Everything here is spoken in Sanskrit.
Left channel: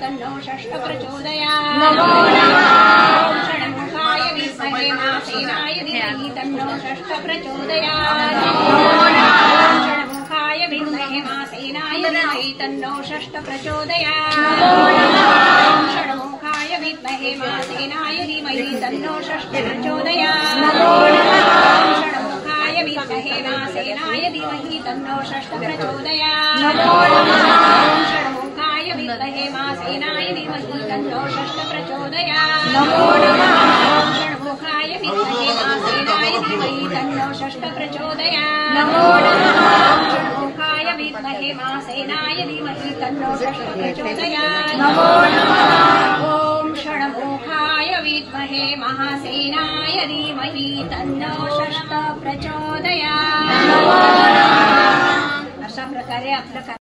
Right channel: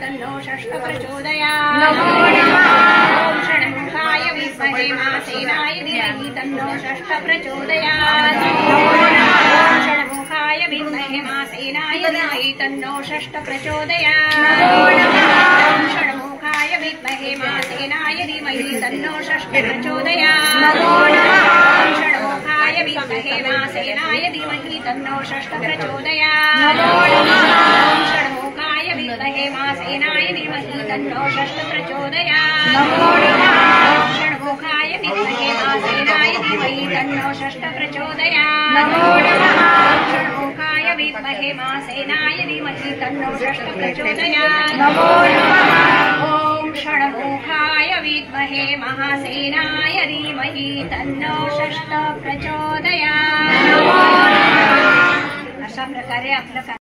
तन्नो षष्ठ प्रचोदयात्। नमो नमः। षण्मुखाय विद्महे महासेनाय धीमहि तन्नो षष्ठ प्रचोदयात्। नमो नमः। षण्मुखाय विद्महे महासेनाय धीमहि तन्नो षष्ठ प्रचोदयात्। नमो नमः। षण्मुखाय विद्महे महासेनाय धीमहि तन्नो षष्ठ प्रचोदयात्। नमो नमः। षण्मुखाय विद्महे महासेनाय धीमहि तन्नो षष्ठ प्रचोदयात्। नमो नमः। षण्मुखाय विद्महे महासेनाय धीमहि तन्नो षष्ठ प्रचोदयात्। नमो नमः। षण्मुखाय विद्महे महासेनाय धीमहि तन्नो षष्ठ प्रचोदयात्। नमो नमः। षण्मुखाय विद्महे महासेनाय धीमहि तन्नो षष्ठ प्रचोदयात्। नमो नमः। ॐ षण्मुखाय विद्महे महासेनाय धीमहि तन्नो षष्ठ प्रचोदयात्। नमो नमः। अशा प्रकारे आपलं